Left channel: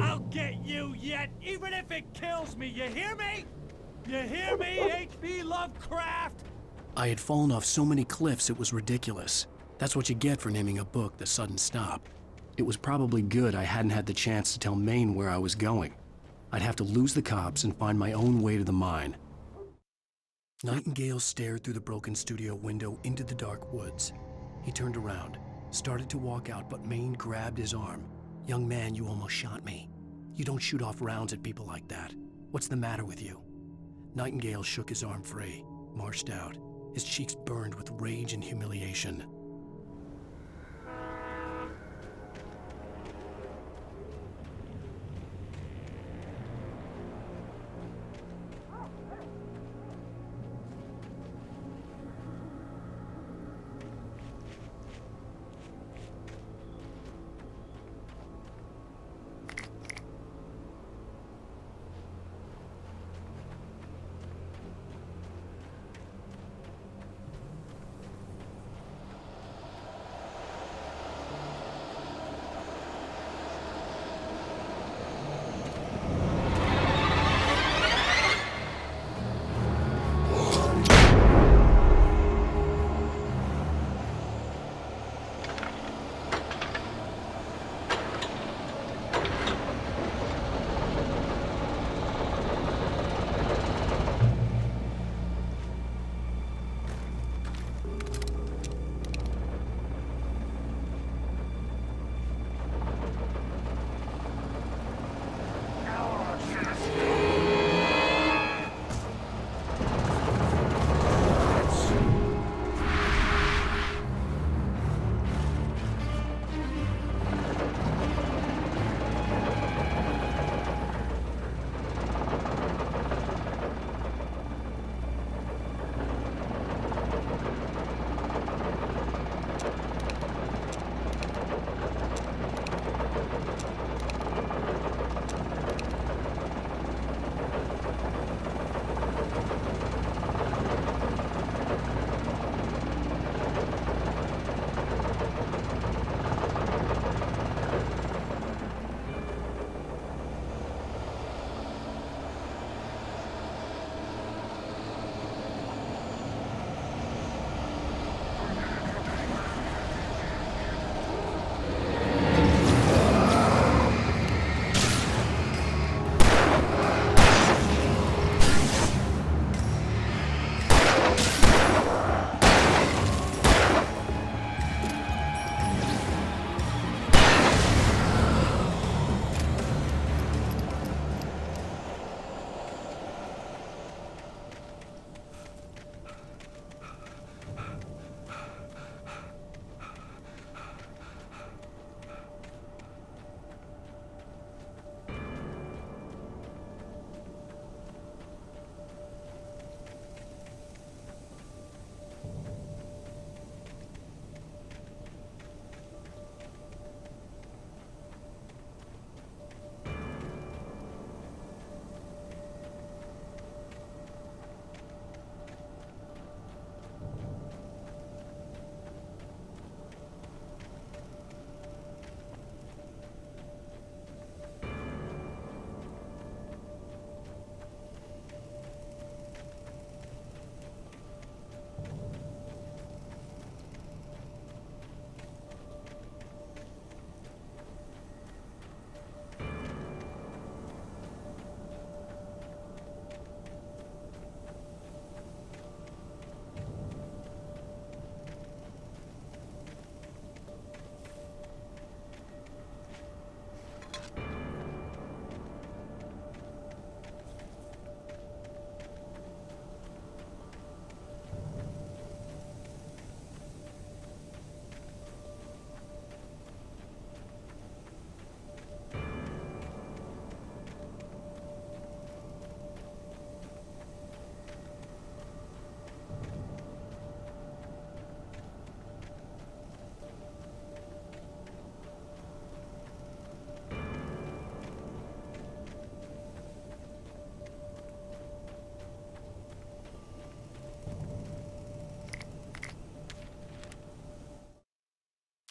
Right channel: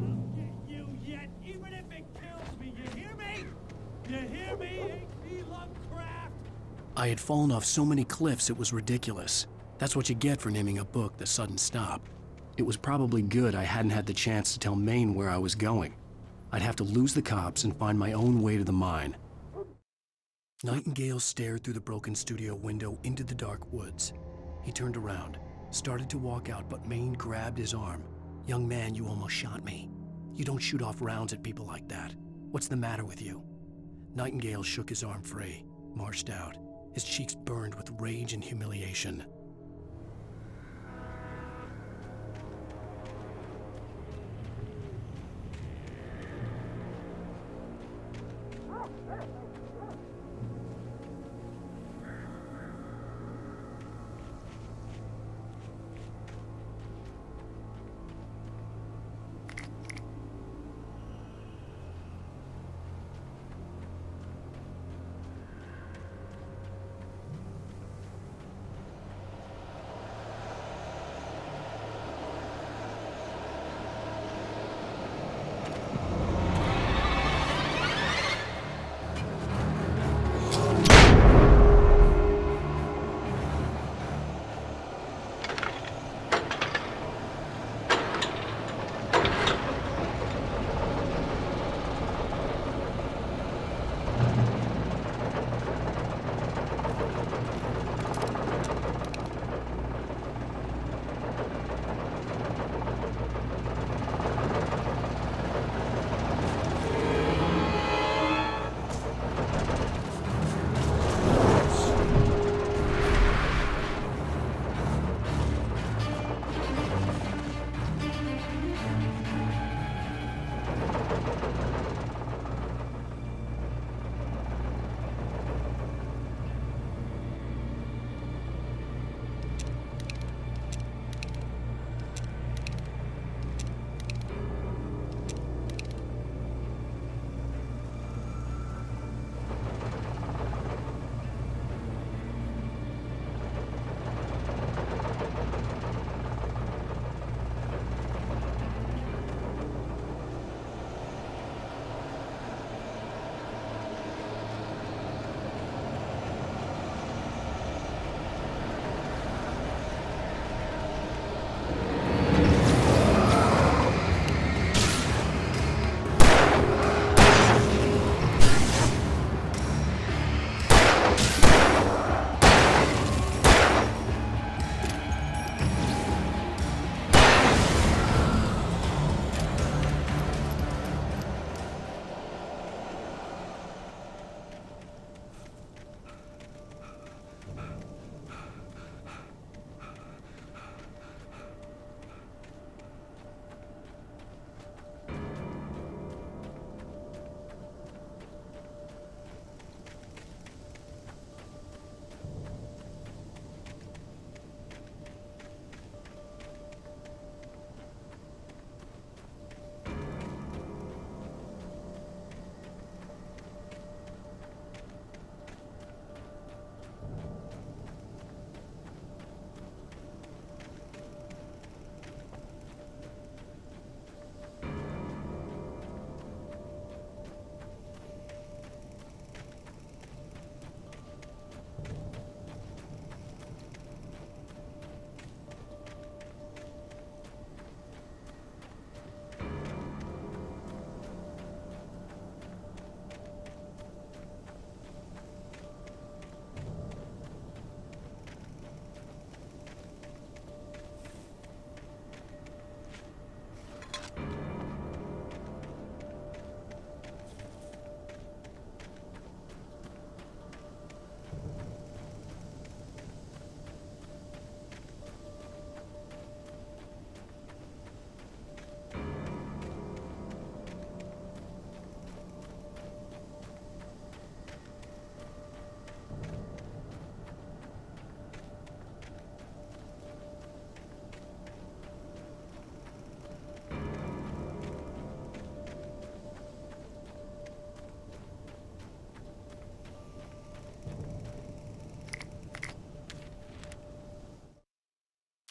I'll get you yet, even if it kills me, you hear me? You hear me, H.P. Lovecraft? I had fallen off so many cliffs it was ridiculous. That's what you get for naming a book The Sudden Stop. It was probably good I hadn't had the chance to tell Maine where I was going. I'd have to lose the cops and find my own way to the mine. Nightingale stared through the broken studio window into the dark woods. He turned around, started to walk out, but Maine grabbed his arm. "Young man, you almost shot me. You don't shoot off rounds at people like that. What's the matter with you?" Nightingale shook his arm free, marched out. His cheeks burned with rage and humiliation.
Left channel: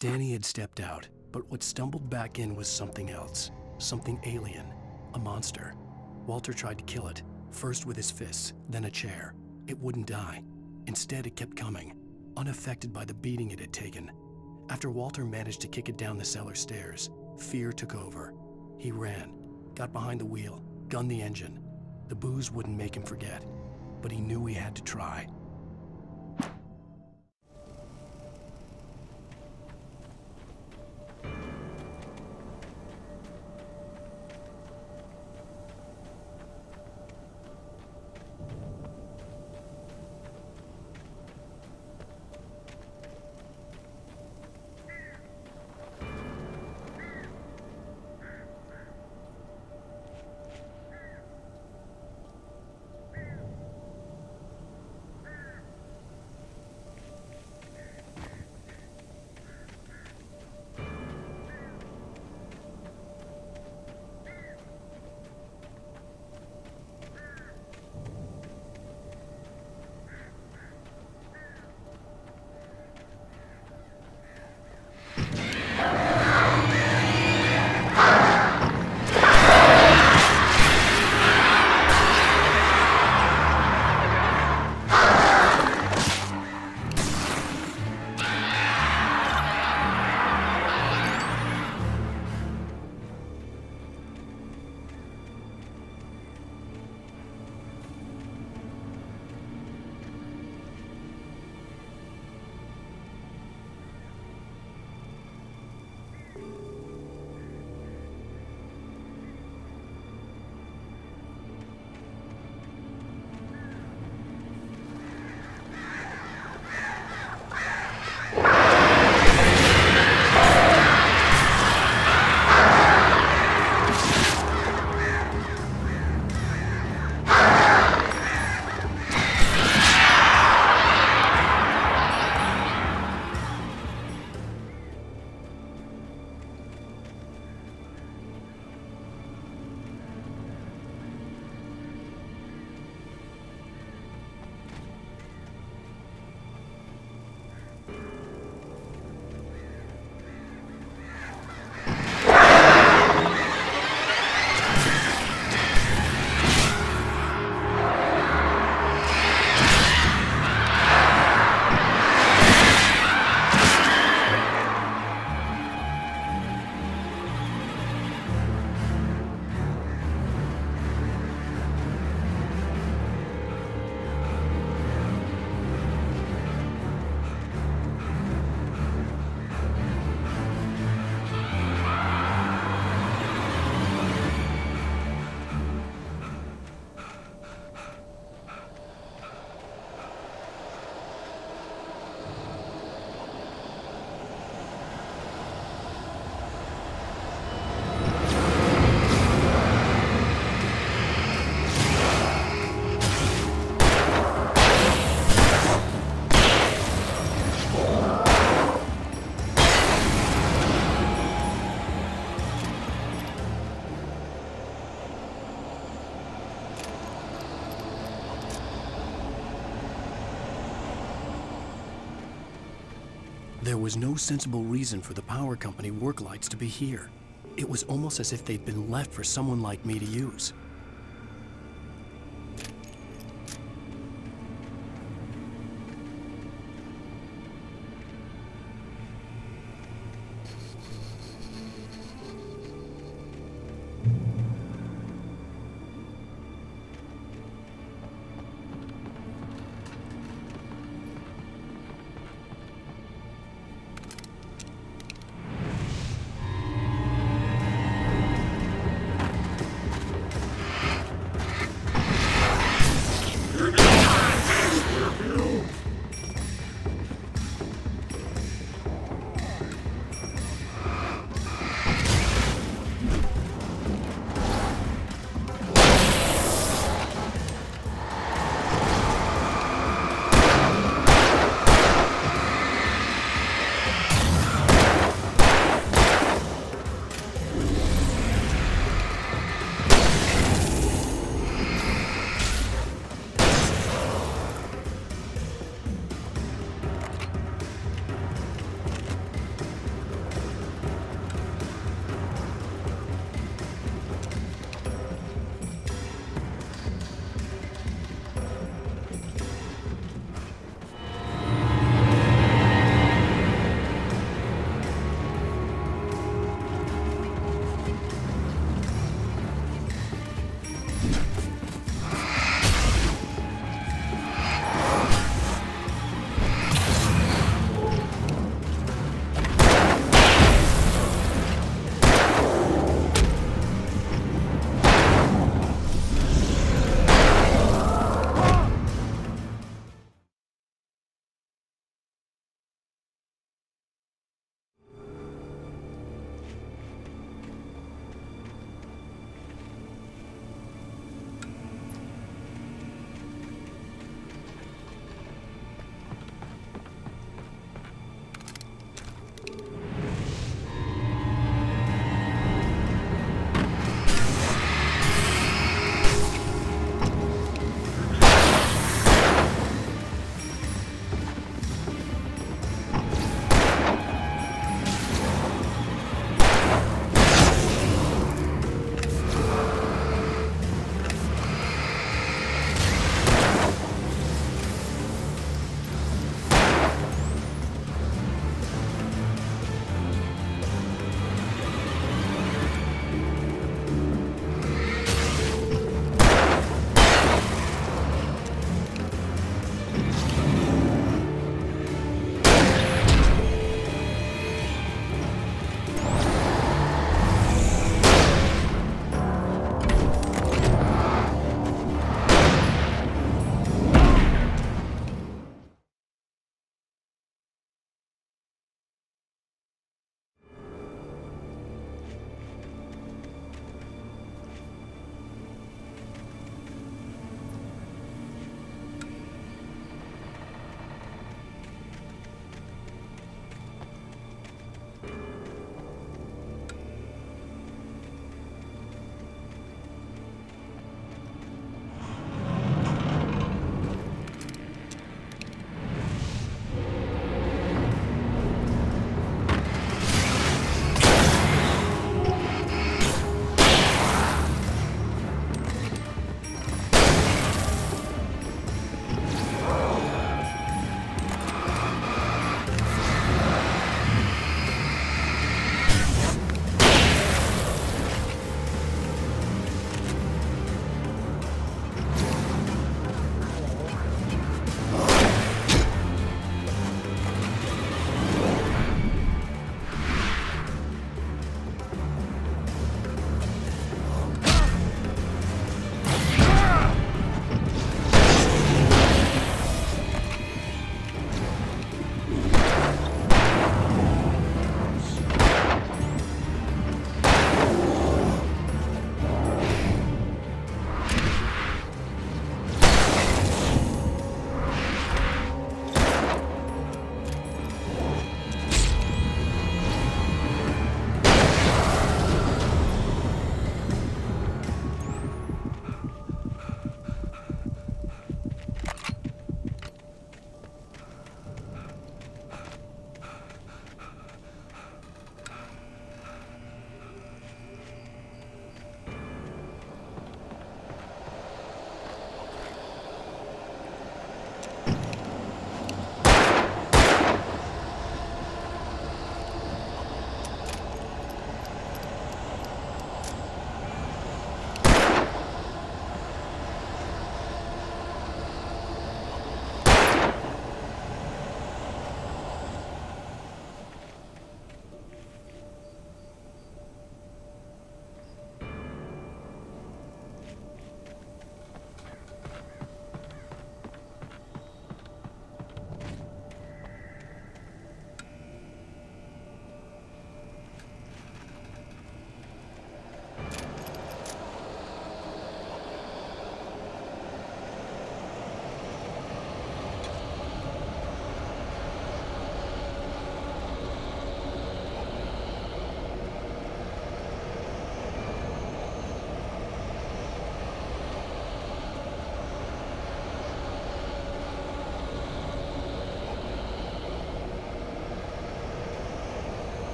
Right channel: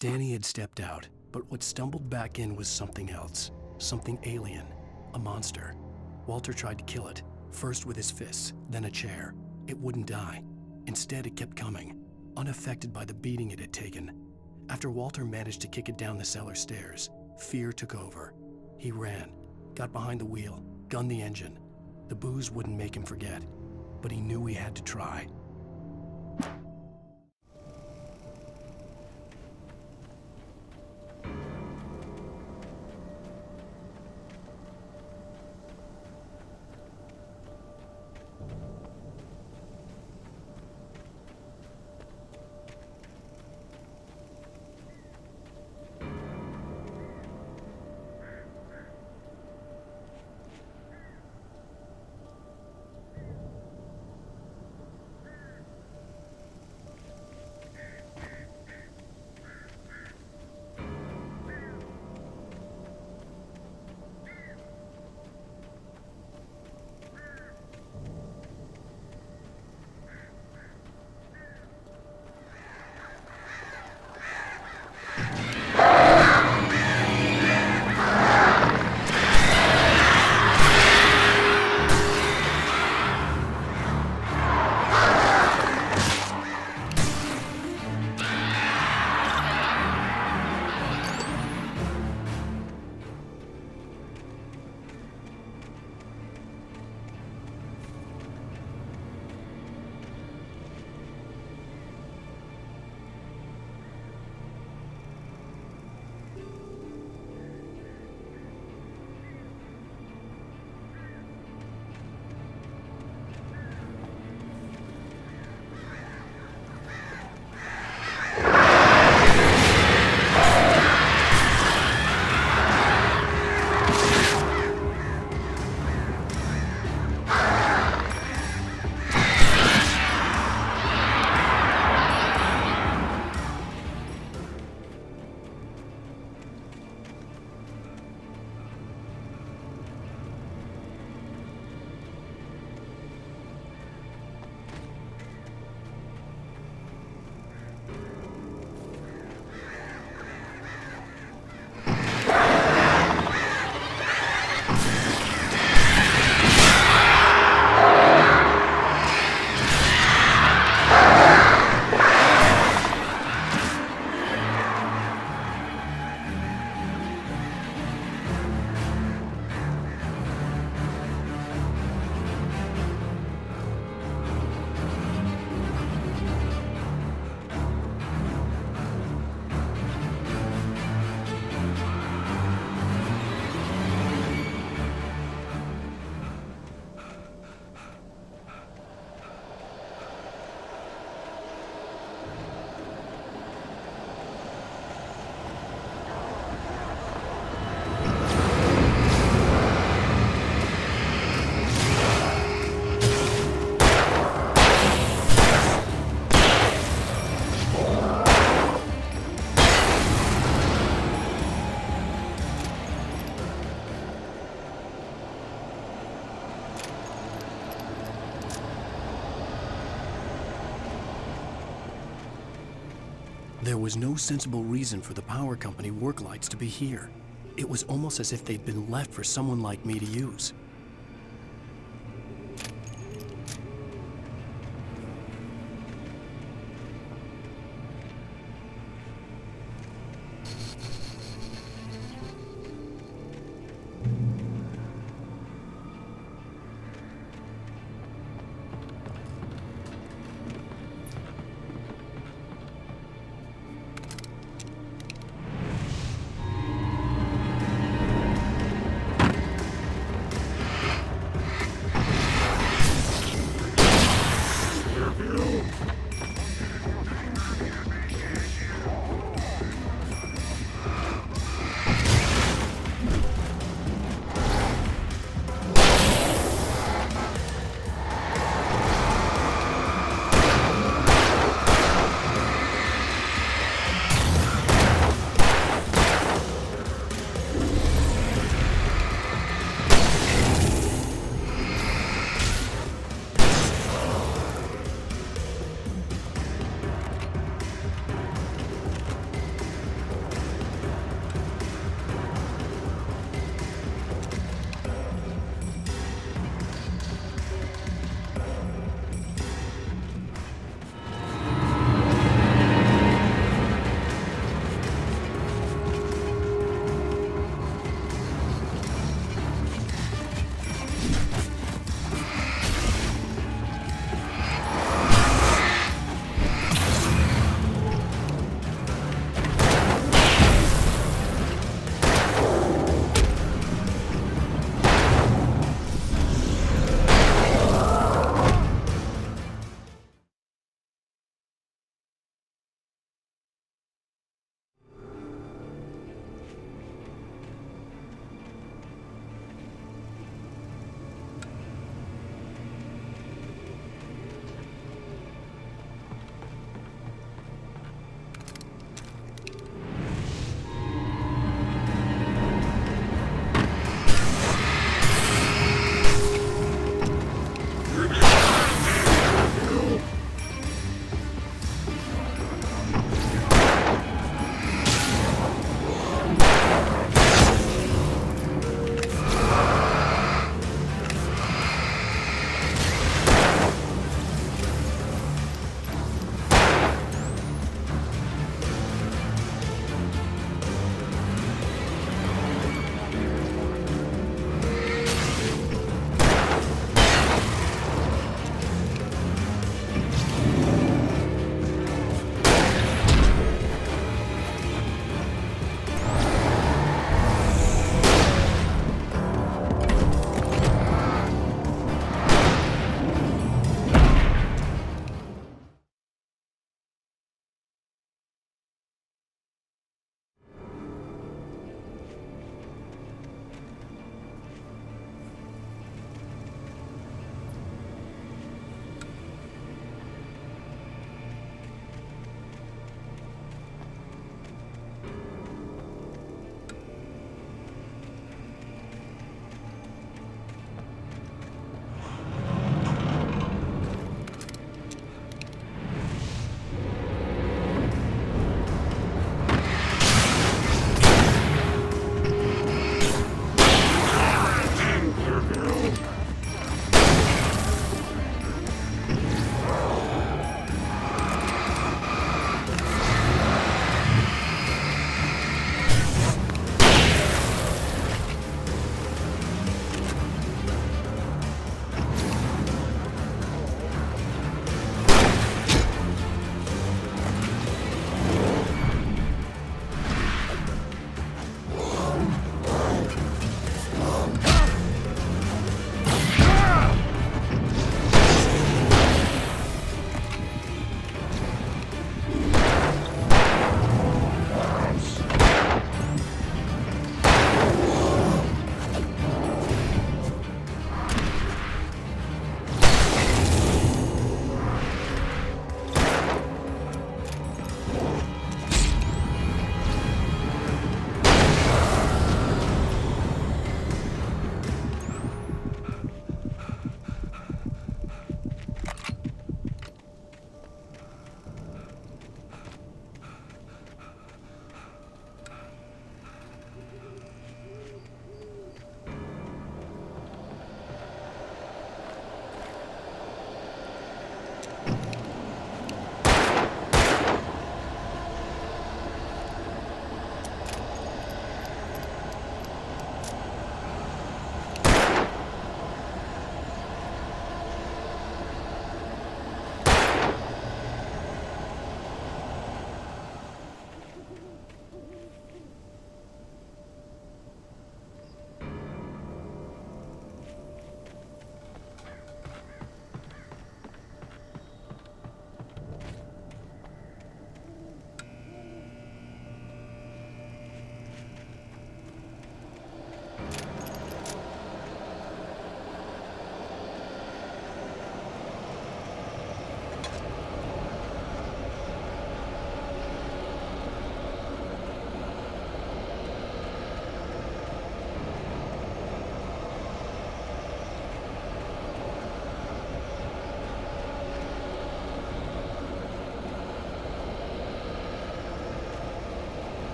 Danny had stepped out, but what stumbled back in was something else. Something alien. A monster. Walter tried to kill it, first with his fists, then a chair. It wouldn't die. Instead, it kept coming, unaffected by the beating it had taken. After Walter managed to kick it down the cellar stairs, fear took over. He ran, got behind the wheel, gunned the engine. The booze wouldn't make him forget, but he knew he had to try. There was no sensible reason for the power company work lights to be here. It was almost as if they'd been left for someone like me to use.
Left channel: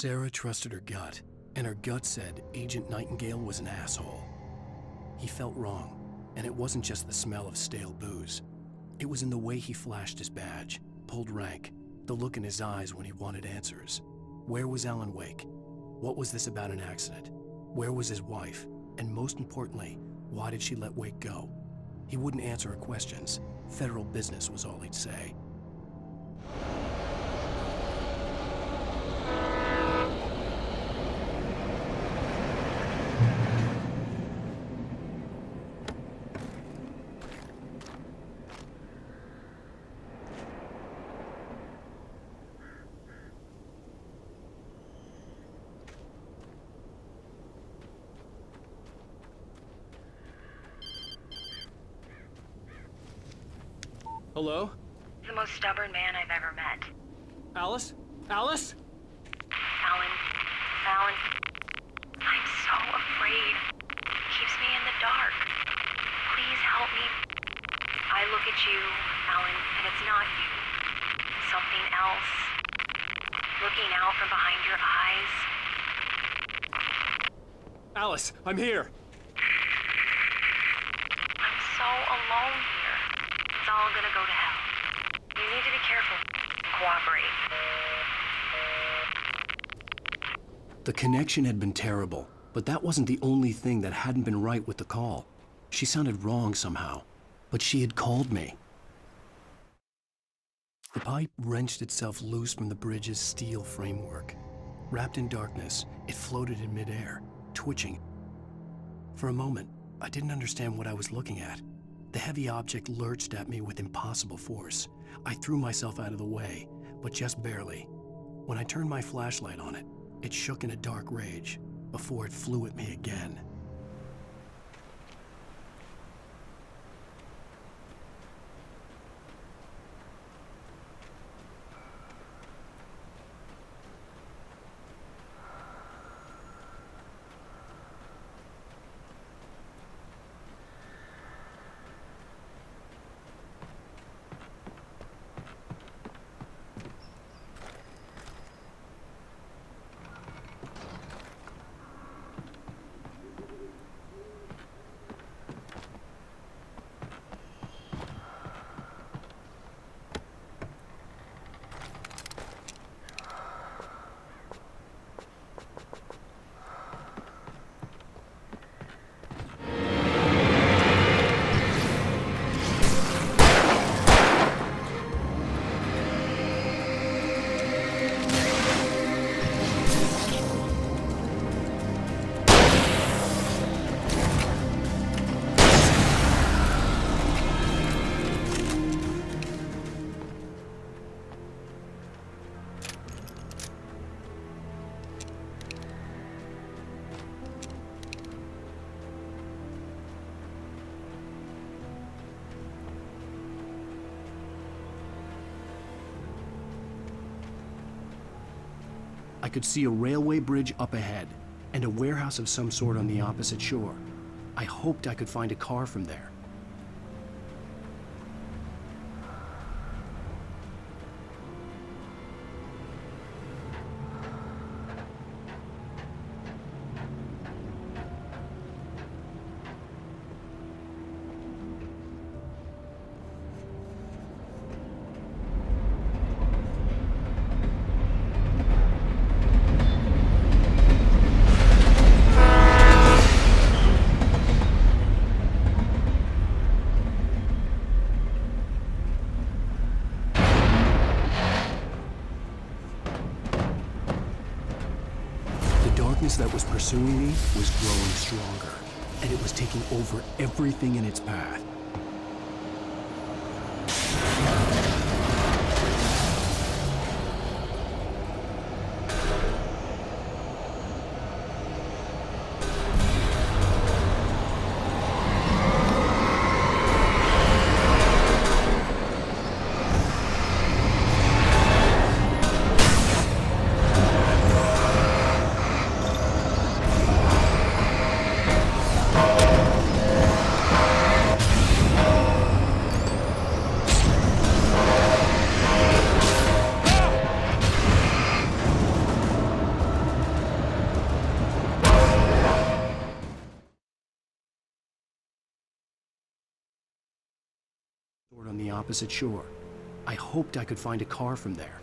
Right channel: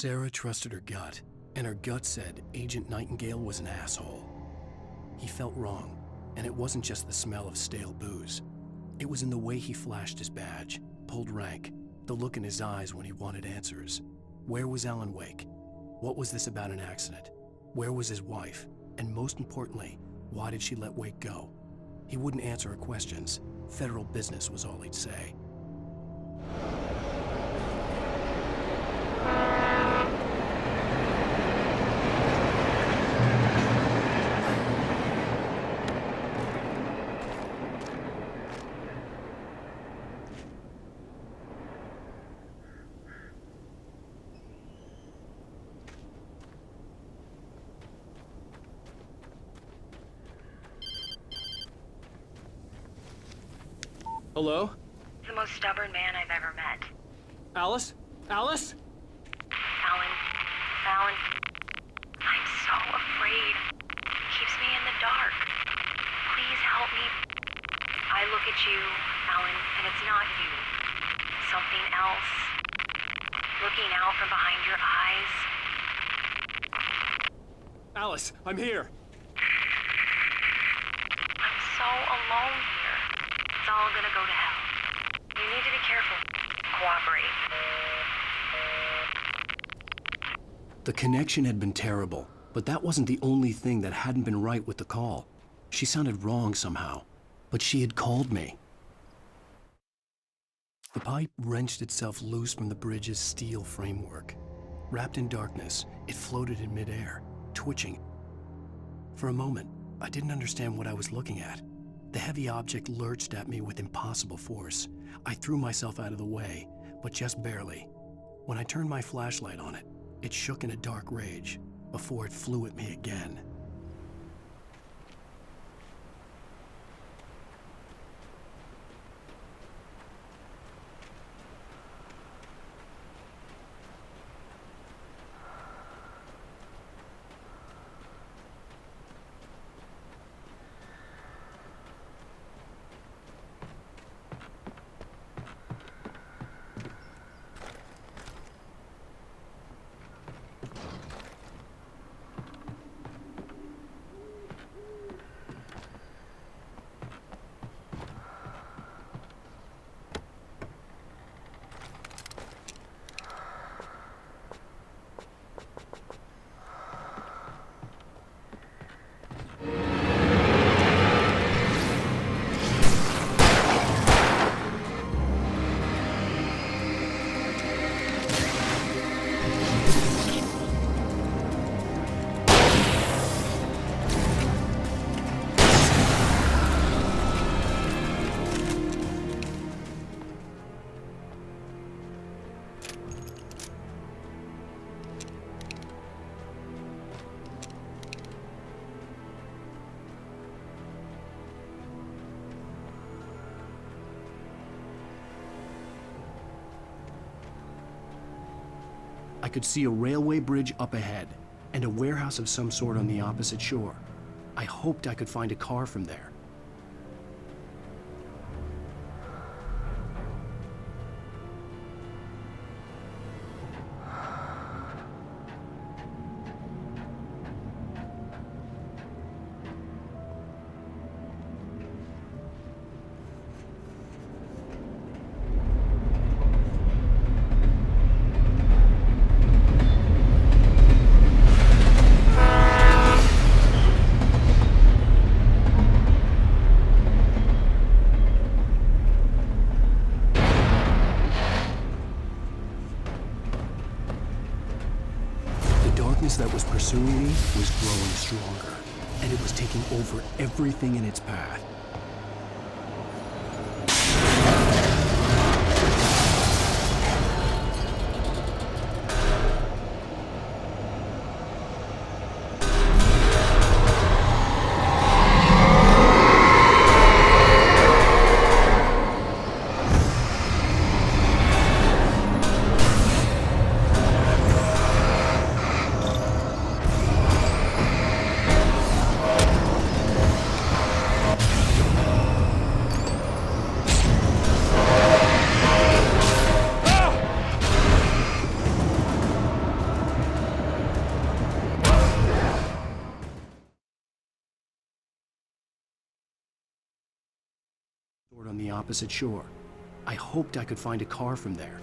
Sarah trusted her gut, and her gut said Agent Nightingale was an asshole. He felt wrong, and it wasn't just the smell of stale booze. It was in the way he flashed his badge, pulled rank, the look in his eyes when he wanted answers. Where was Alan Wake? What was this about an accident? Where was his wife? And most importantly, why did she let Wake go? He wouldn't answer her questions. Federal business was all he'd say. Hello? The most stubborn man I've ever met. Alice? Alice? Alan, I'm so afraid. He keeps me in the dark. Please help me. I look at you, Alan, and it's not you. Something else. Looking out from behind your eyes. Alice, I'm here. I'm so alone here. It's all gonna go to hell. You need to be careful. Cooperate. The connection had been terrible, but that wasn't the only thing that hadn't been right with the call. She sounded wrong somehow, but she had called me. The pipe wrenched itself loose from the bridge's steel framework. Wrapped in darkness, it floated in midair, twitching. For a moment, I didn't understand what I was looking at. The heavy object lurched at me with impossible force. I threw myself out of the way, but just barely. When I turned my flashlight on it, it shook in a dark rage before it flew at me again. I could see a railway bridge up ahead, and a warehouse of some sort on the opposite shore. I hoped I could find a car from there. That was pursuing me was growing stronger, and it was taking over everything in its path. the opposite shore. I hoped I could find a car from there.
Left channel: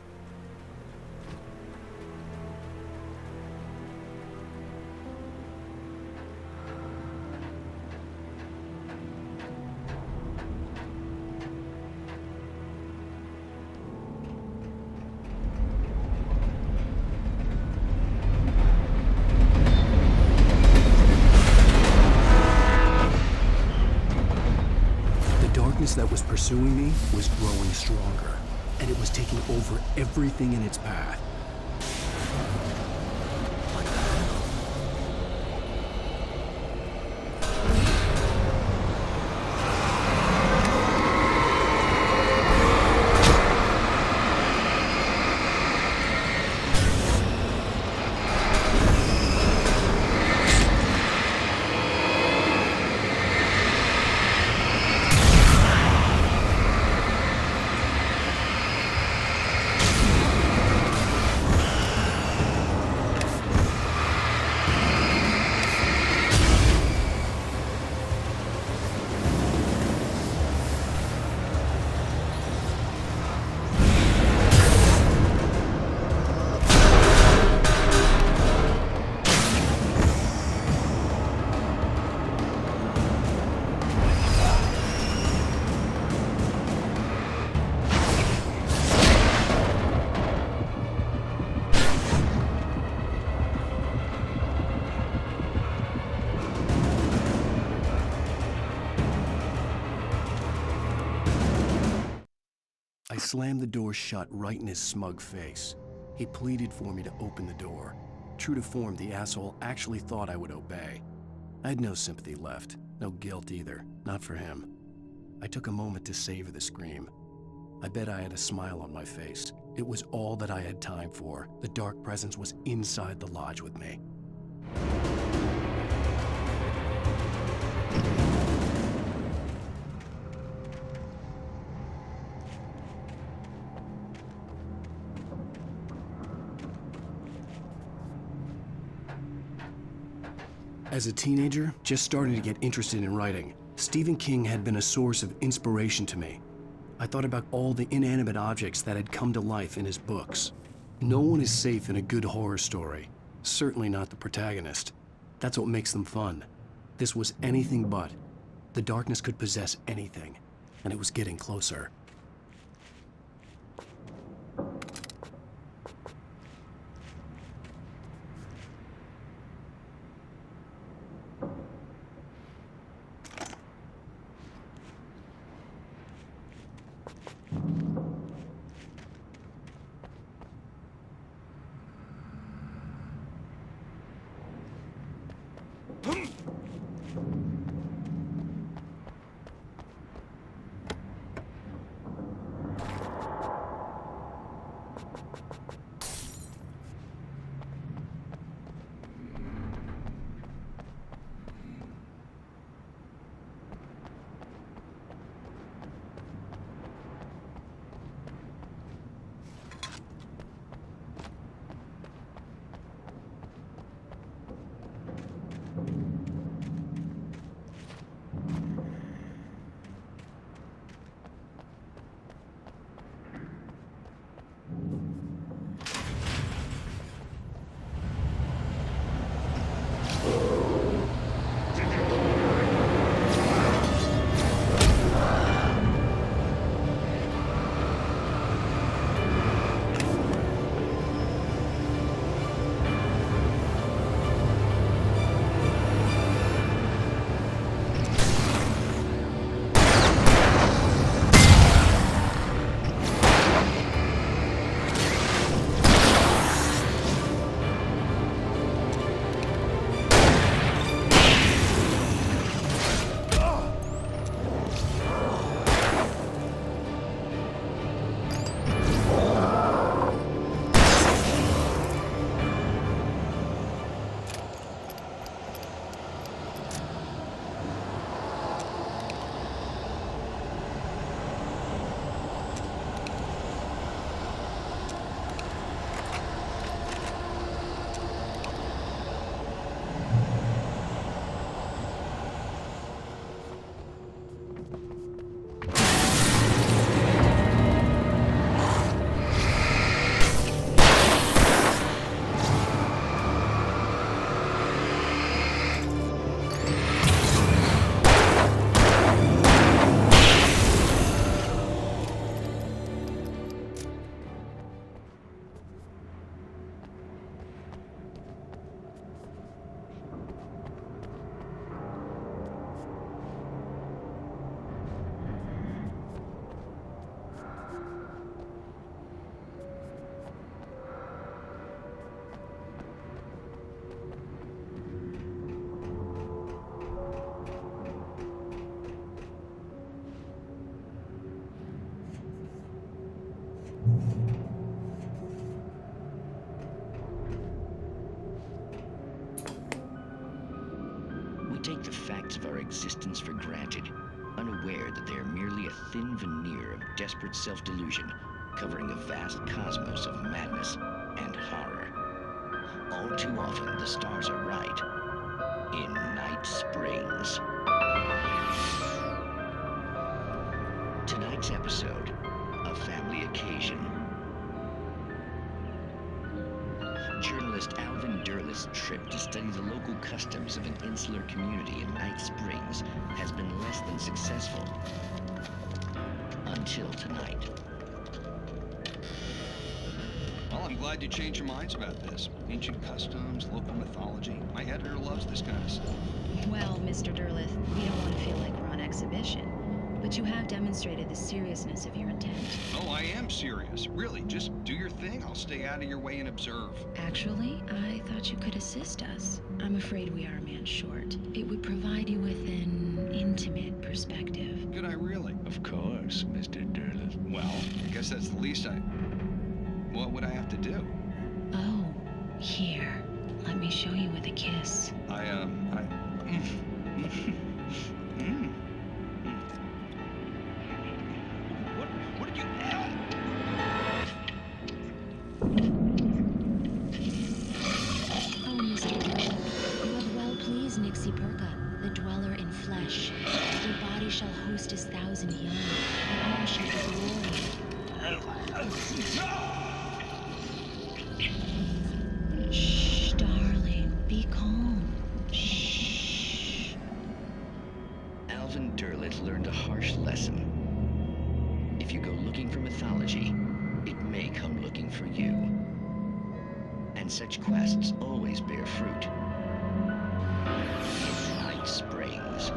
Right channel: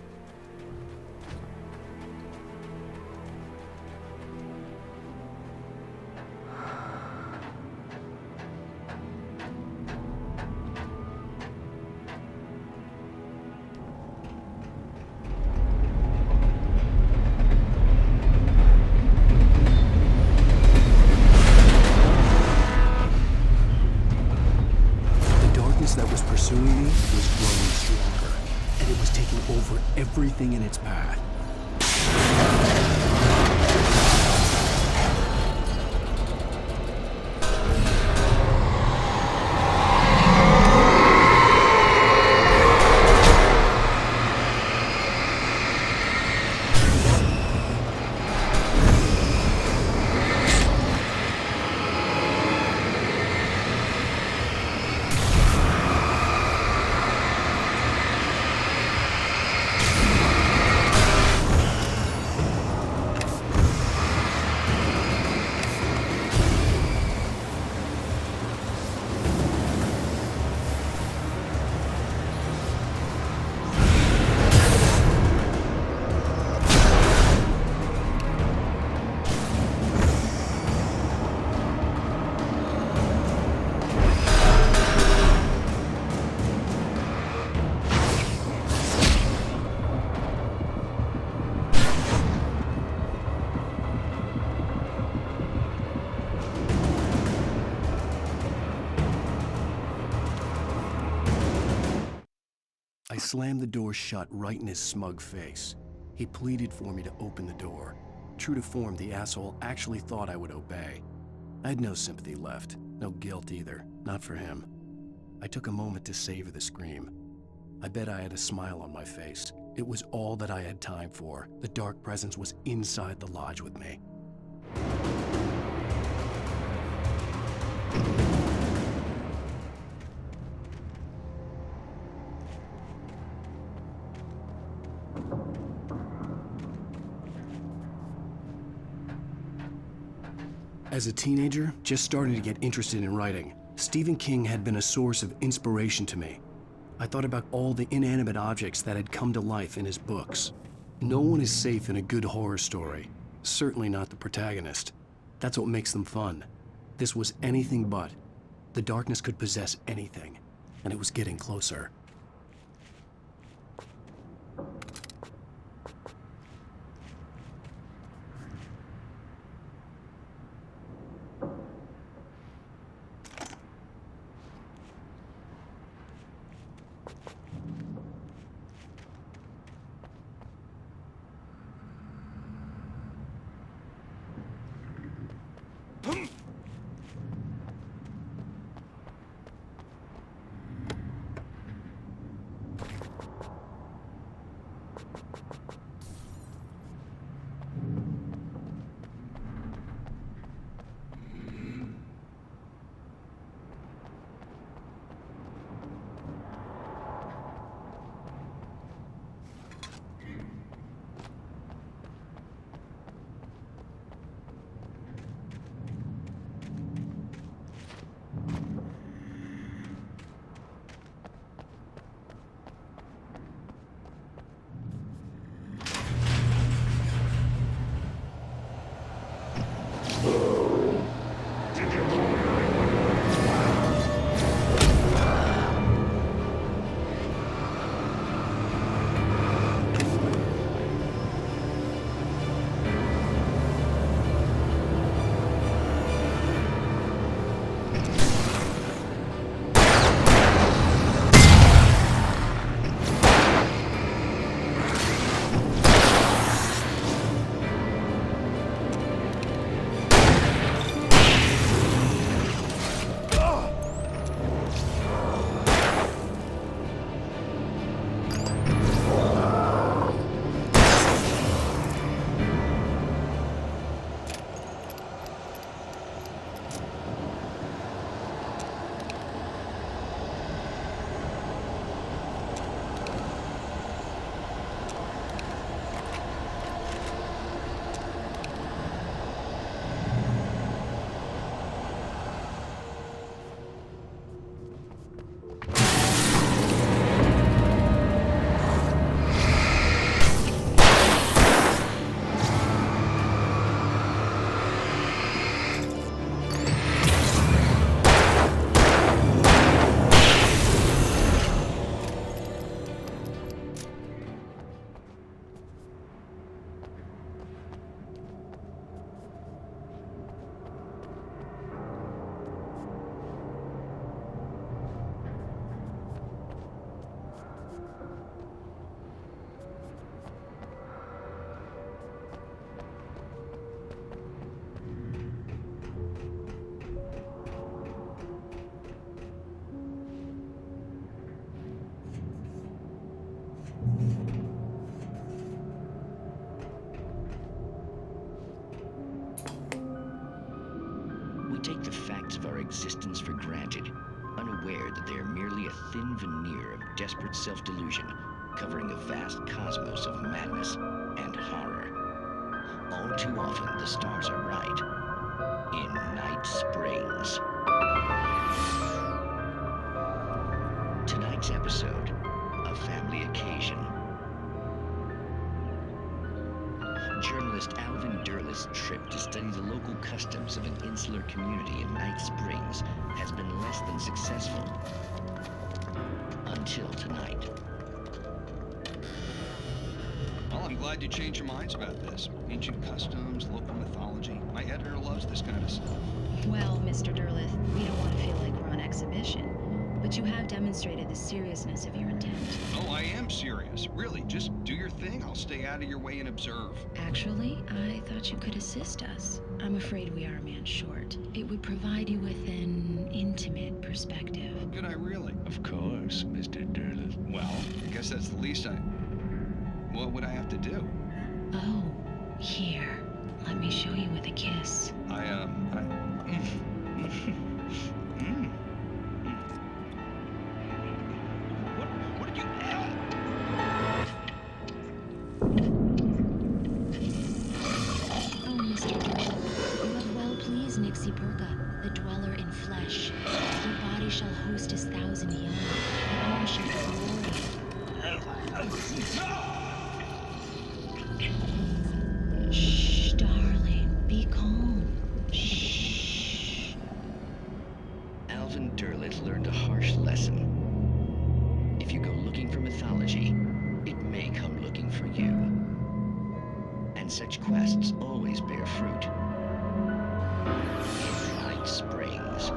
That was pursuing me was growing stronger, and it was taking over everything in its path. I slammed the door shut right in his smug face. He pleaded for me to open the door. True to form, the asshole actually thought I would obey. I had no sympathy left, no guilt either, not for him. I took a moment to savor the scream. I bet I had a smile on my face. It was all that I had time for. The dark presence was inside the lodge with me. As a teenager, just starting to get interested in writing, Stephen King had been a source of inspiration to me. I thought about all the inanimate objects that had come to life in his books. No one is safe in a good horror story, certainly not the protagonist. That's what makes them fun. This was anything but. The darkness could possess anything, and it was getting closer. take the facts of our existence for granted, unaware that they are merely a thin veneer of desperate self-delusion covering a vast cosmos of madness and horror. All too often, the stars are right. In Night Springs. Tonight's episode, A Family Occasion. Journalist Alvin Derleth's trip to study the local customs of an insular community in Night Springs has been less than successful. Until tonight. Well, I'm glad you changed your minds about this. Ancient customs, local mythology. My editor loves this kind of stuff. Well, Mr. Derleth, we don't want to feel like we're on exhibition, but you have demonstrated the seriousness of your intent. Oh, I am serious. Really, just do your thing. I'll stay out of your way and observe. Actually, I thought you could assist us. I'm afraid we are a man short. It would provide you with an intimate perspective. Could I really? Of course, Mr. Derleth. Well, I guess that's the least I... What would I have to do? Oh, here. Let me show you with a kiss. What did you... Oh, Mr. Derleth, you have well pleased Nixie Perka, the dweller in flesh. Your body shall host his 1,000 young, and all shall be glory. Shh, darling, be calm. Shh. Alvin Derleth learned a harsh lesson. If you go looking for mythology, it may come looking for you. And such quests always bear fruit. In Night Springs.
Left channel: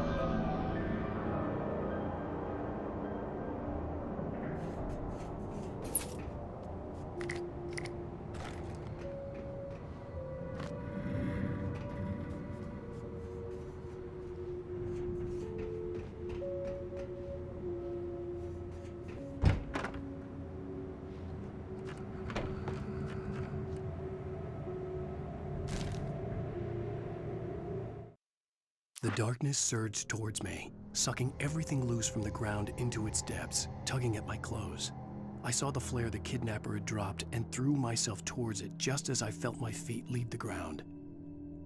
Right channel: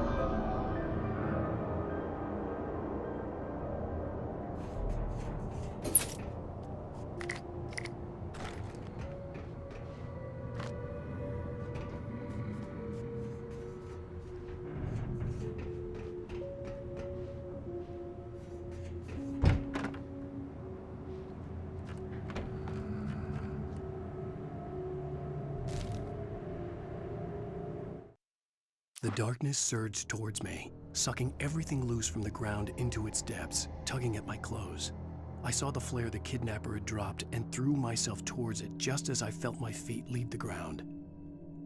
The darkness surged towards me, sucking everything loose from the ground into its depths, tugging at my clothes. I saw the flare the kidnapper had dropped and threw myself towards it just as I felt my feet leave the ground.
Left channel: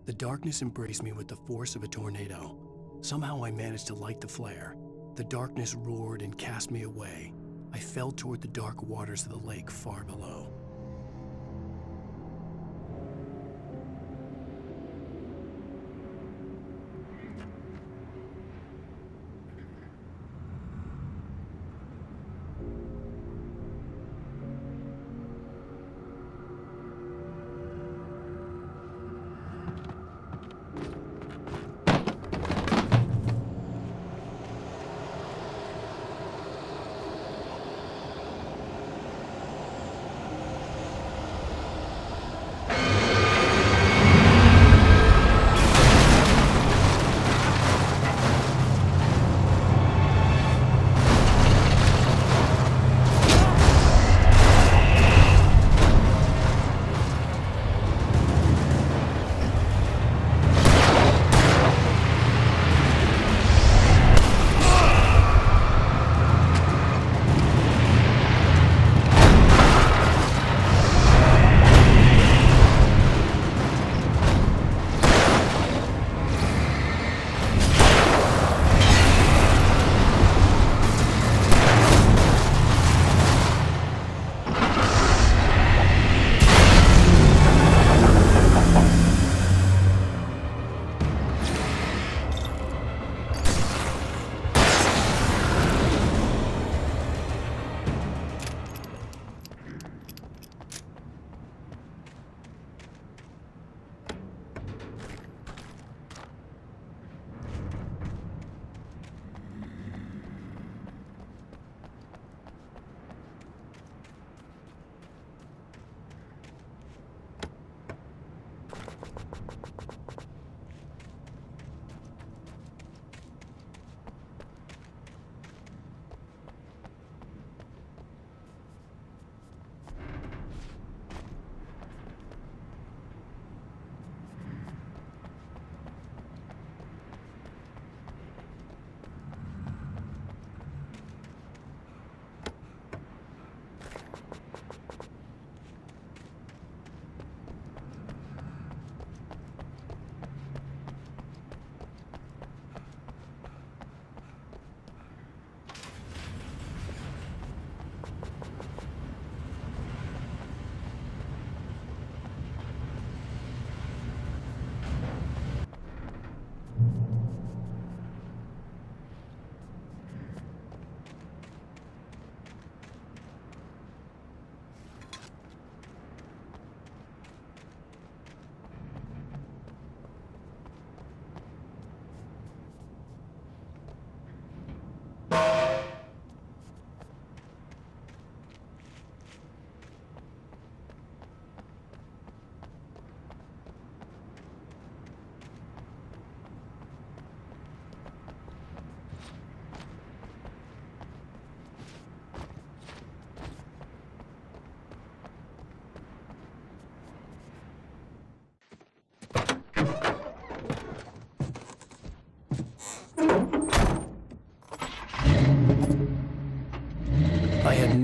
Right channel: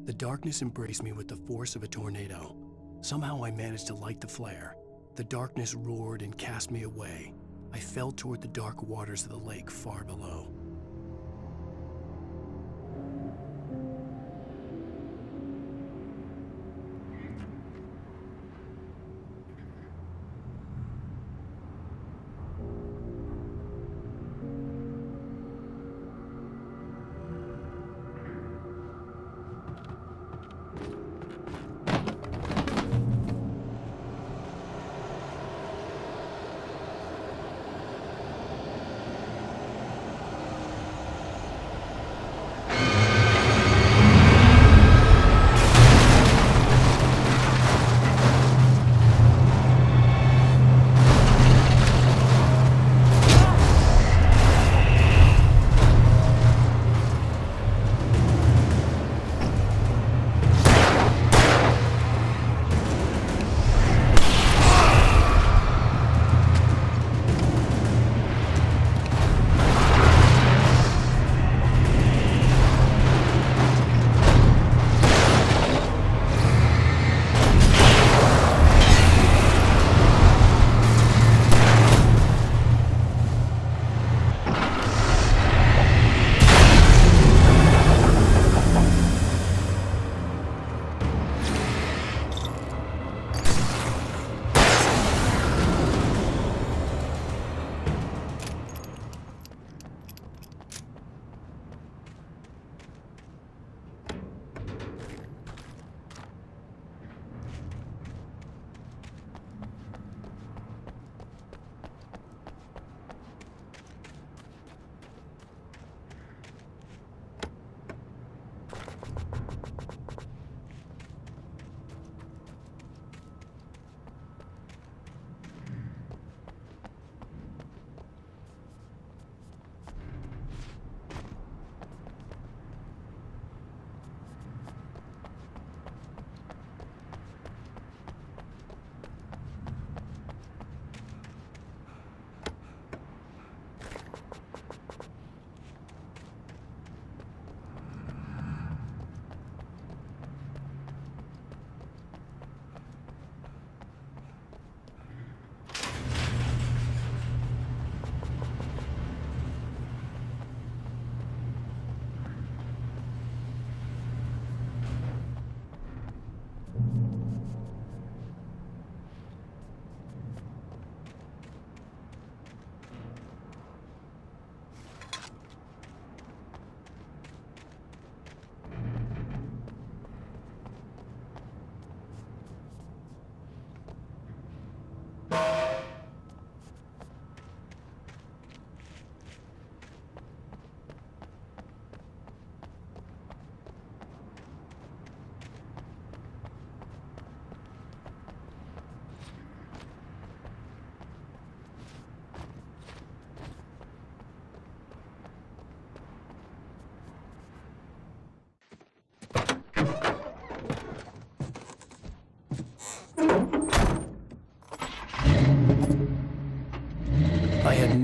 The darkness embraced me with the force of a tornado. Somehow I managed to light the flare. The darkness roared and cast me away. I fell toward the dark waters of the lake far below.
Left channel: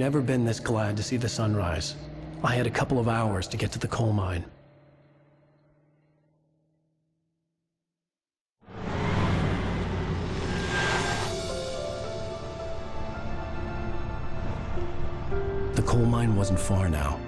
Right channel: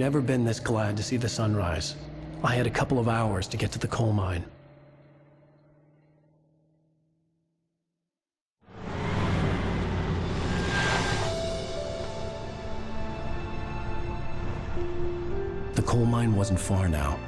never been this glad to see the sunrise. I had a couple of hours to get to the coal mine. The coal mine wasn't far now.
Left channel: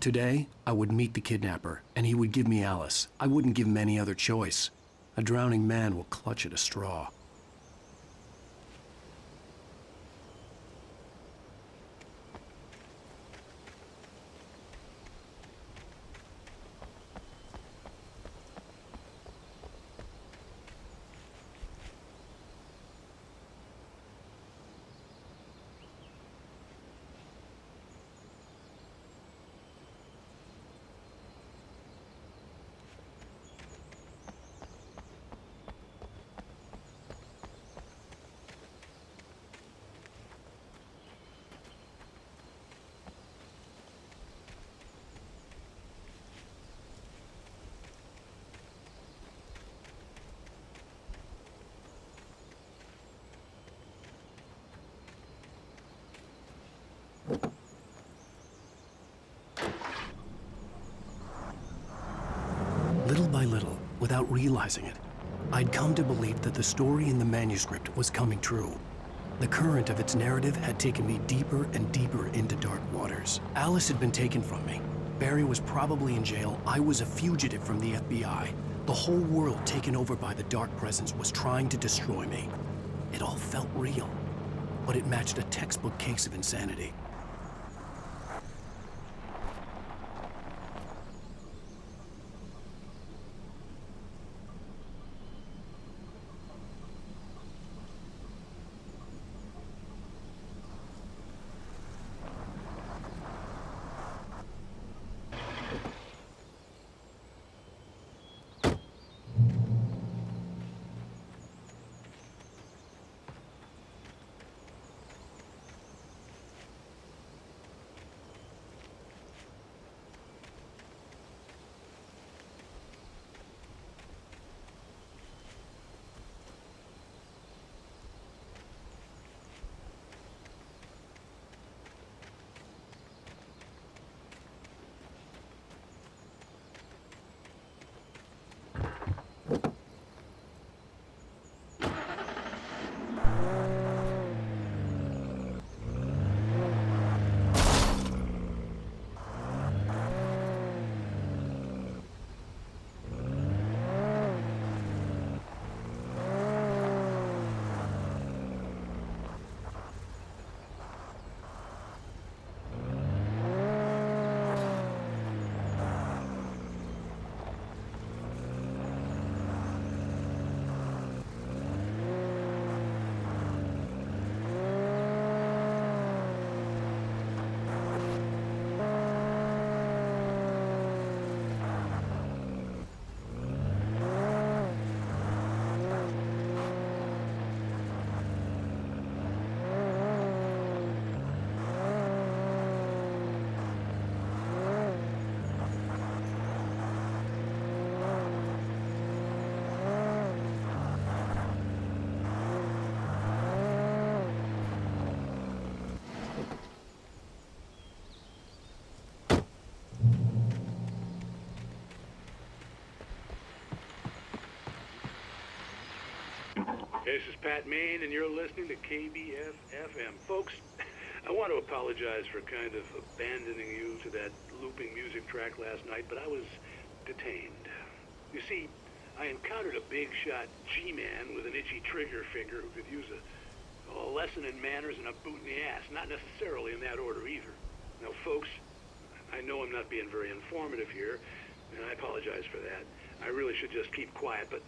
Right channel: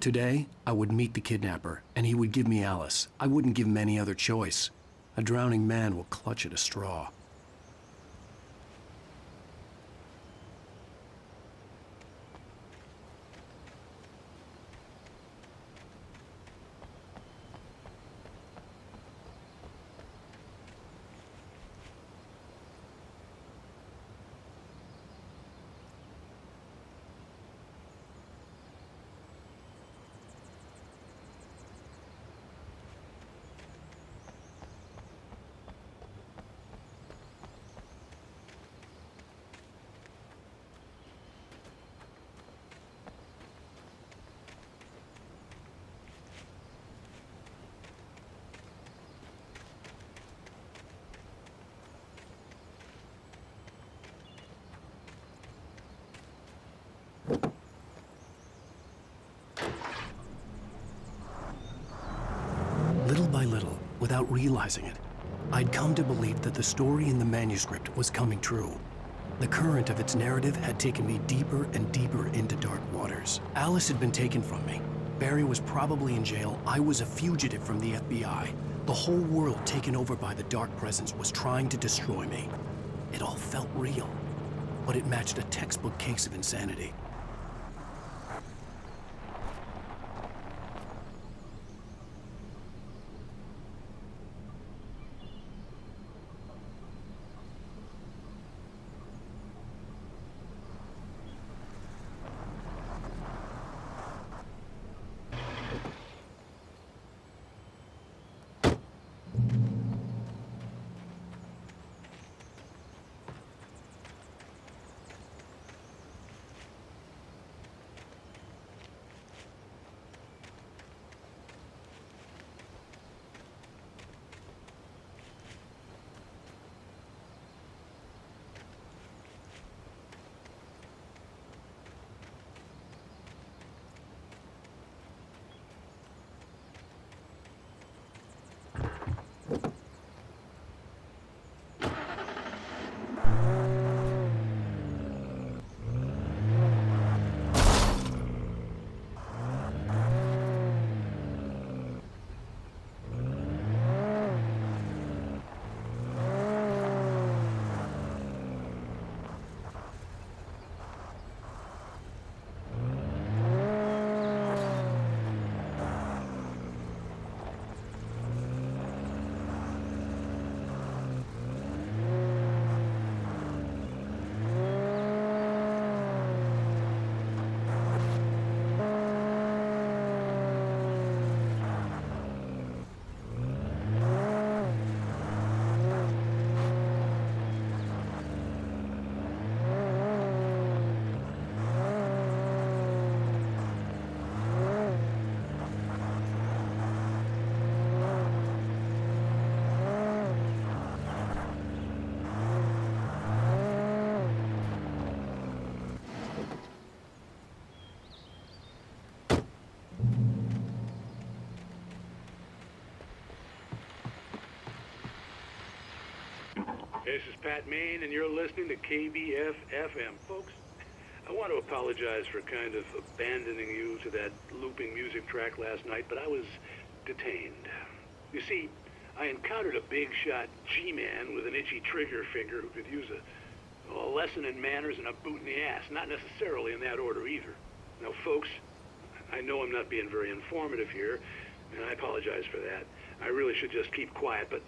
Today, I would meet the kidnapper, and he would give me Alice. I wouldn't give him any other choice. A drowning man will clutch at a straw. Little by little, without realizing it, I'd come to believe that the story in the manuscript was coming true. The current of its narrative had taken me deeper and deeper into dark waters. Alice had been taken from me. Barry was probably in jail. I was a fugitive from the FBI. The whole world taken over by the dark presence was trying to destroy me. It all felt real, but it matched a textbook case of insanity. This is Pat Main, and you're listening to KBF-FM. Folks, I want to apologize for kind of abandoning you to that looping music track last night, but I was detained. You see, I encountered a big-shot G-man with an itchy trigger finger who could use a lesson in manners and a boot in the ass, not necessarily in that order either. Now, folks, I know I'm not being very informative here, and I apologize for that. I really should just keep quiet, but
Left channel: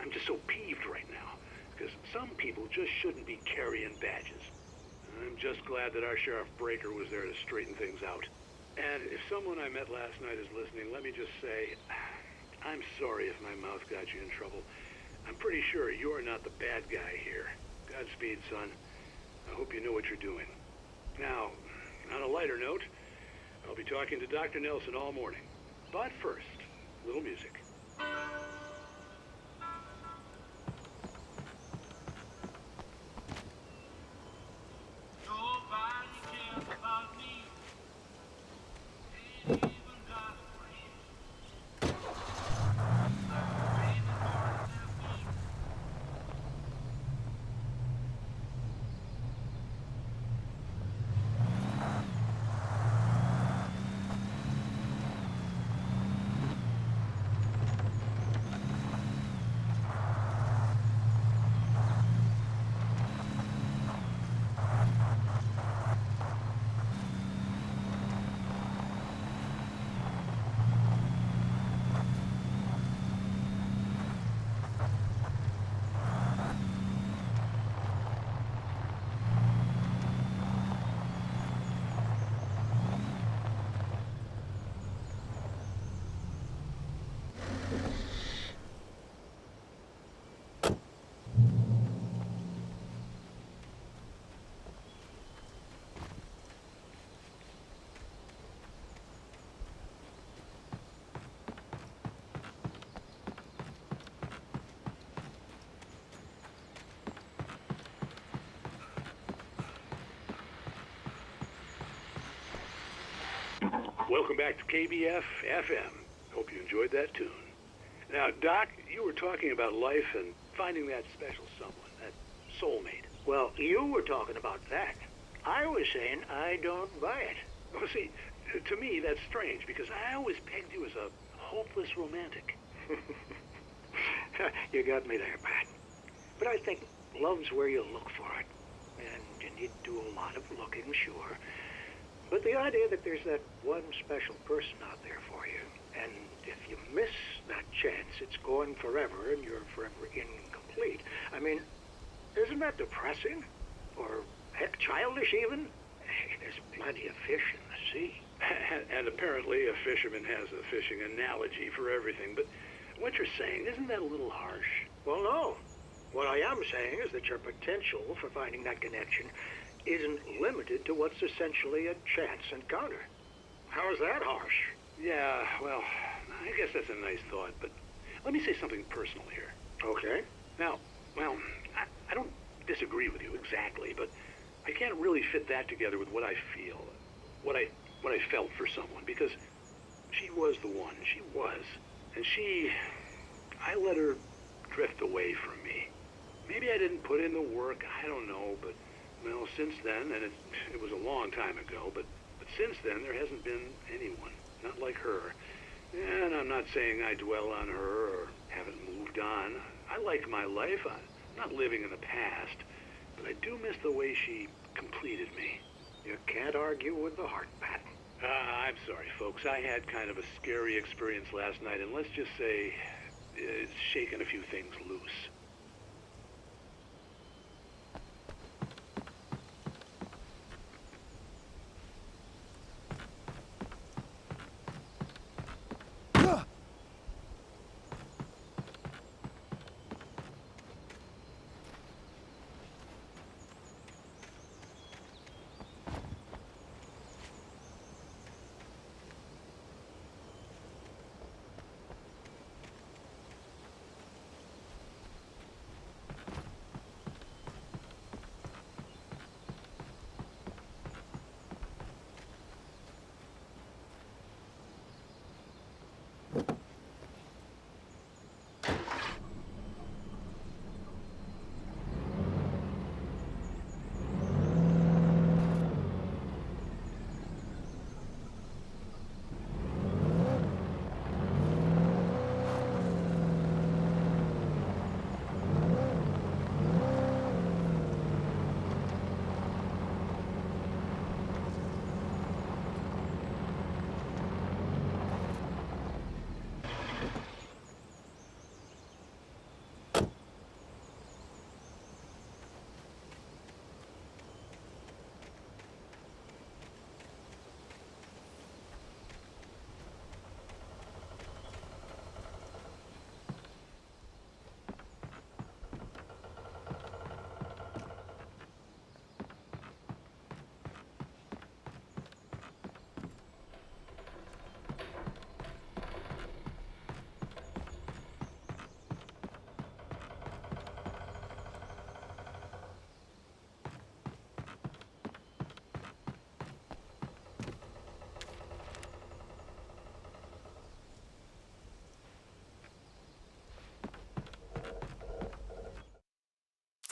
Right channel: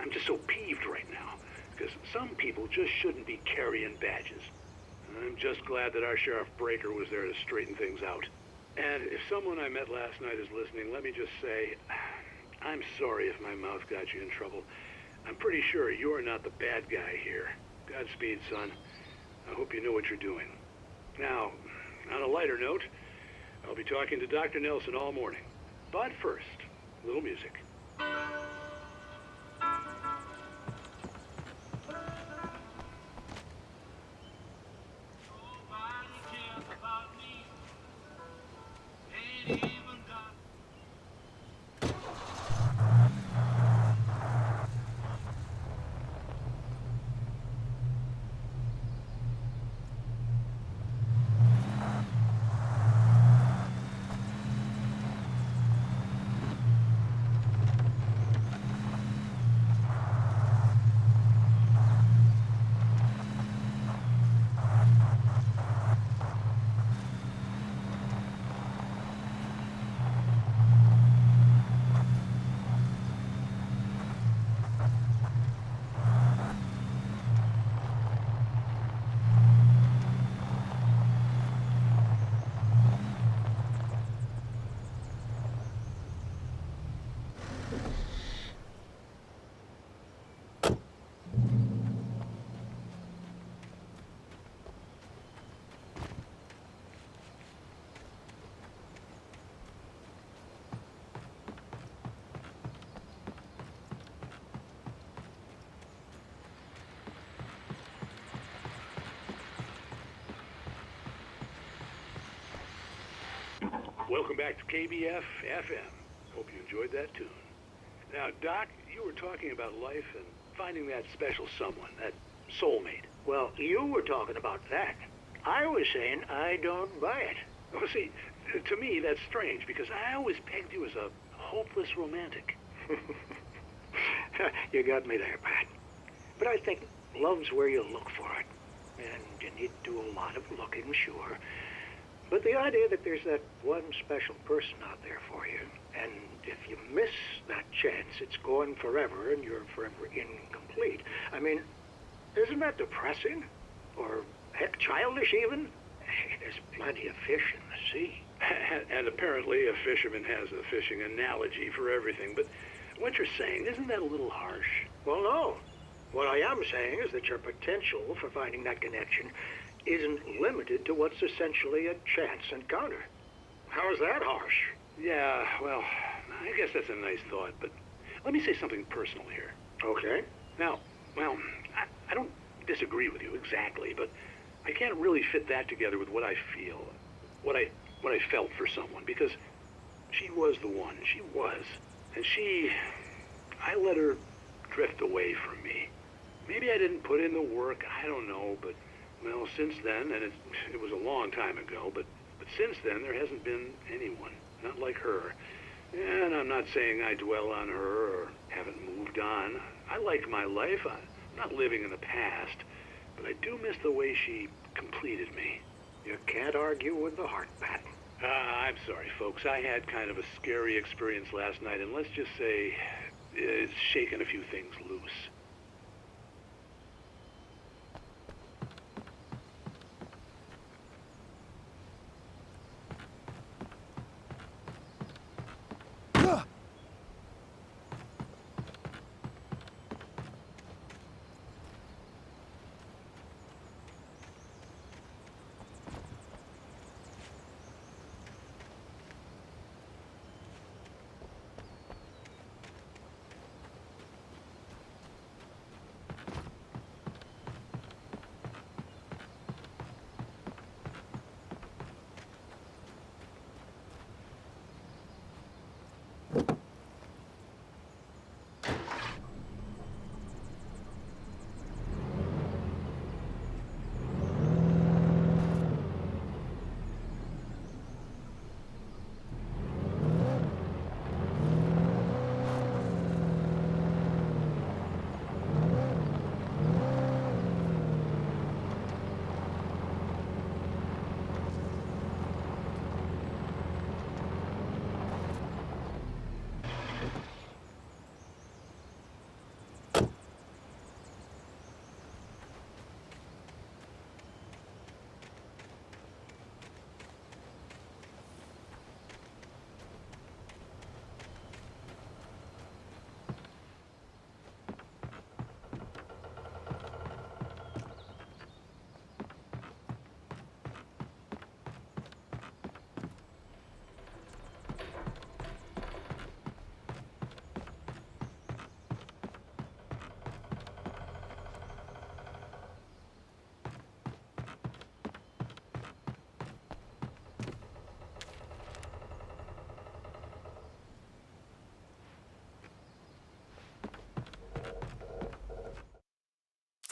I'm just so peeved right now, because some people just shouldn't be carrying badges. I'm just glad that our Sheriff Breaker was there to straighten things out. And if someone I met last night is listening, let me just say, I'm sorry if my mouth got you in trouble. I'm pretty sure you're not the bad guy here. Godspeed, son. I hope you know what you're doing. Now, on a lighter note, I'll be talking to Dr. Nelson all morning. But first, a little music. Nobody cares about me. Ain't even got a friend. Welcome back to KBF FM. Hope you enjoyed that tune. Now, Doc, you were talking about life and finding that special someone, that soulmate. Well, you were talking about that. I was saying I don't buy it. Well, see, to me, that's strange because I always pegged you as a hopeless romantic. You got me there, Pat. But I think love's where you look for it. And you need to do a lot of looking, sure. But the idea that there's that one special person out there for you, and if you miss that chance, it's gone forever and you're forever incomplete. I mean, isn't that depressing? Or, heck, childish even? Hey, there's plenty of fish in the sea. And apparently a fisherman has a fishing analogy for everything. But what you're saying, isn't that a little harsh? Well, no. What I am saying is that your potential for finding that connection isn't limited to what's essentially a chance encounter. How is that harsh? Yeah, well, I guess that's a nice thought, but let me say something personal here. Okay. Now, well, I don't disagree with you exactly, but I can't really fit that together with what I feel, what I felt for someone, because she was the one. She was. And I let her drift away from me. Maybe I didn't put in the work, I don't know, but well, since then, and it was a long time ago, but since then there hasn't been anyone, not like her. And I'm not saying I dwell on her or haven't moved on. I like my life. I'm not living in the past, but I do miss the way she completed me. You can't argue with the heart, Pat. I'm sorry, folks. I had kind of a scary experience last night, and let's just say it's shaken a few things loose.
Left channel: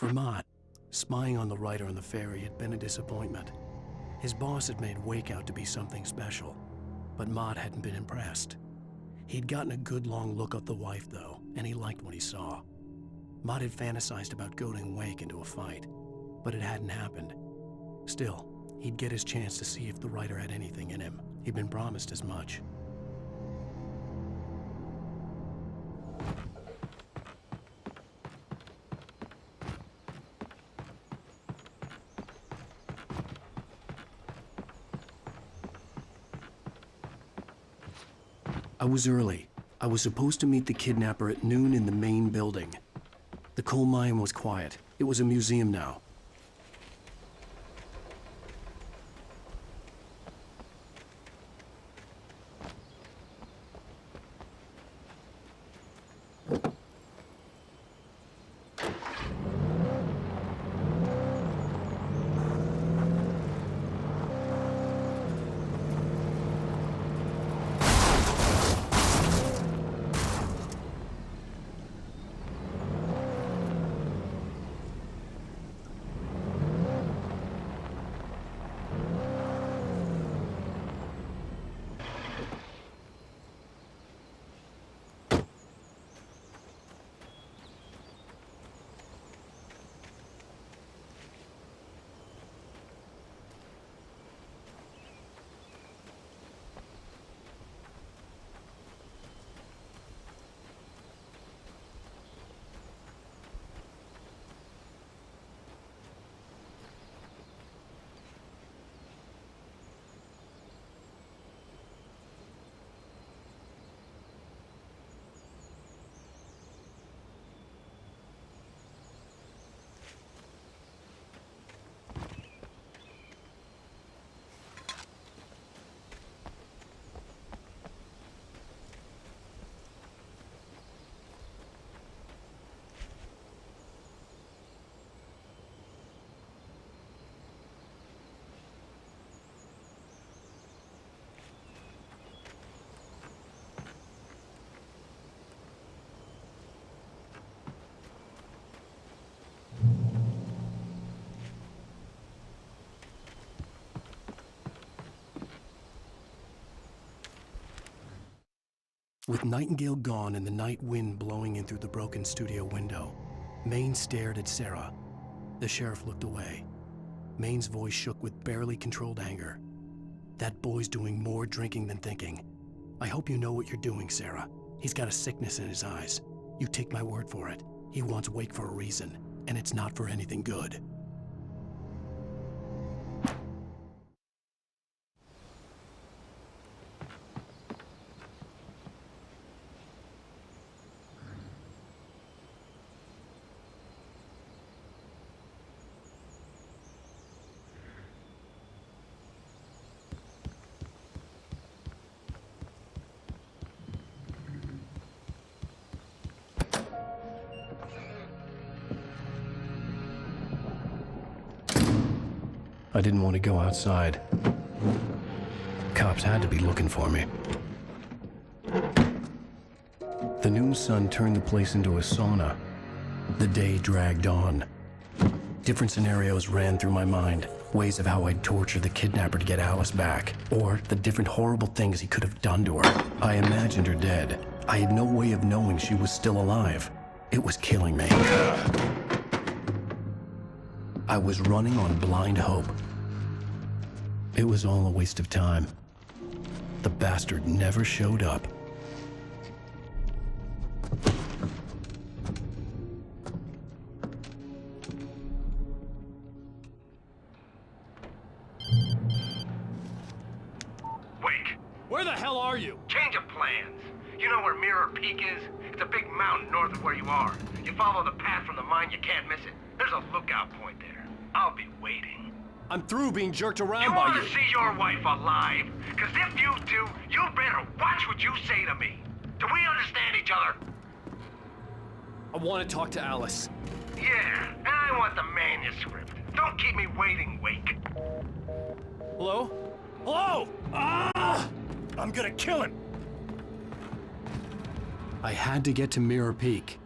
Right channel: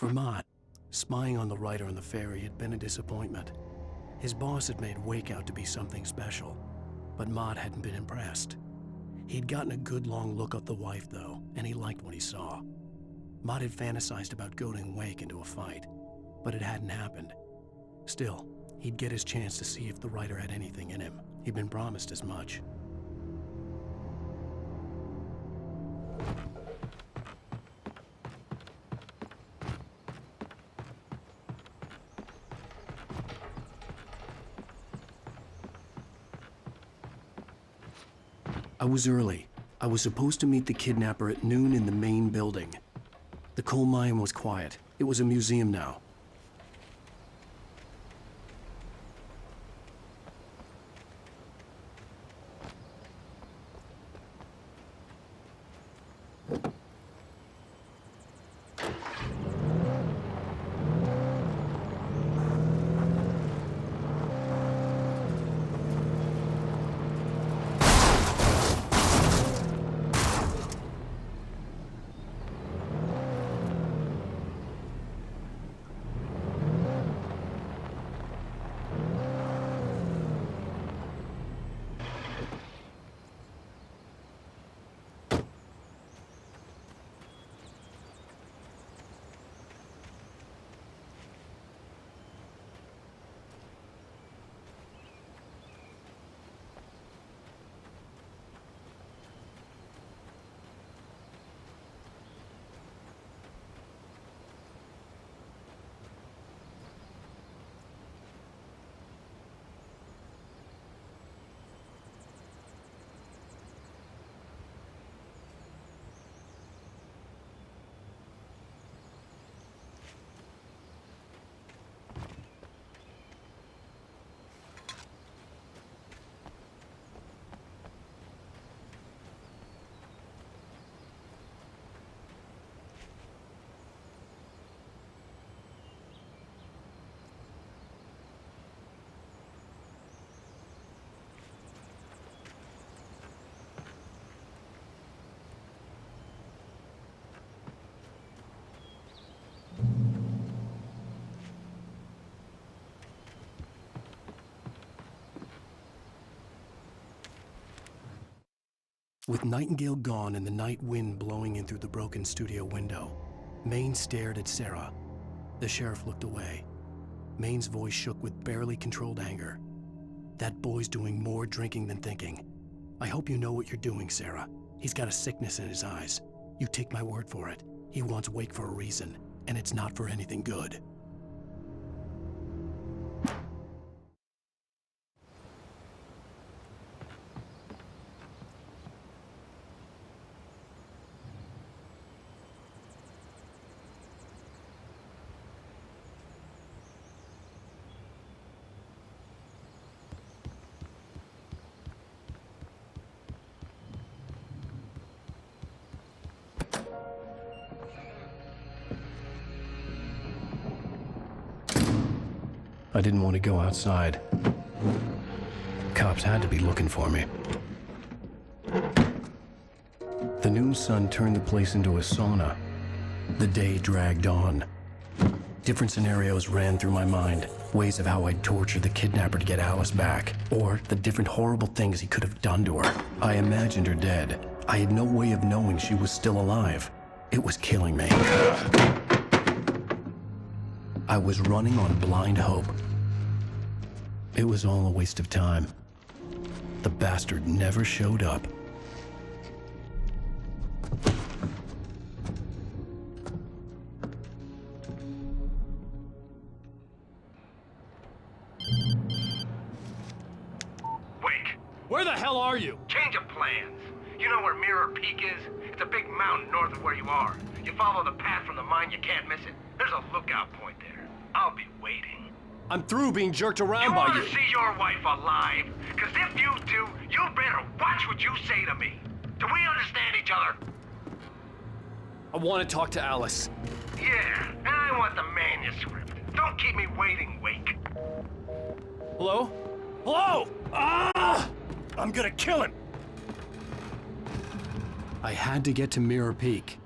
For Mott, spying on the writer on the ferry had been a disappointment. His boss had made Wake out to be something special, but Mott hadn't been impressed. He'd gotten a good long look at the wife, though, and he liked what he saw. Mott had fantasized about goading Wake into a fight, but it hadn't happened. Still, he'd get his chance to see if the writer had anything in him. He'd been promised as much. I was early. I was supposed to meet the kidnapper at noon in the main building. The coal mine was quiet. It was a museum now. With Nightingale gone and the night wind blowing in through the broken studio window, Maine stared at Sarah. The sheriff looked away. Maine's voice shook with barely controlled anger. That boy's doing more drinking than thinking. I hope you know what you're doing, Sarah. He's got a sickness in his eyes. You take my word for it. He wants Wake for a reason, and it's not for anything good. I didn't want to go outside. Cops had to be looking for me. The noon sun turned the place into a sauna. The day dragged on. Different scenarios ran through my mind. Ways of how I'd torture the kidnapper to get Alice back. Or the different horrible things he could have done to her. I imagined her dead. I had no way of knowing she was still alive. It was killing me. I was running on blind hope. It was all a waste of time. The bastard never showed up. Wake! Where the hell are you? Change of plans. You know where Mirror Peak is? It's a big mountain north of where you are. You follow the path from the mine, you can't miss it. There's a lookout point there. I'll be waiting. I'm through being jerked around You by want you. to see your wife alive? Because if you do, you better watch what you say to me. Do we understand each other? I want to talk to Alice. Yeah, and I want the manuscript. Don't keep me waiting, Wake. Hello? Hello? Ah! I'm gonna kill him. I had to get to Mirror Peak.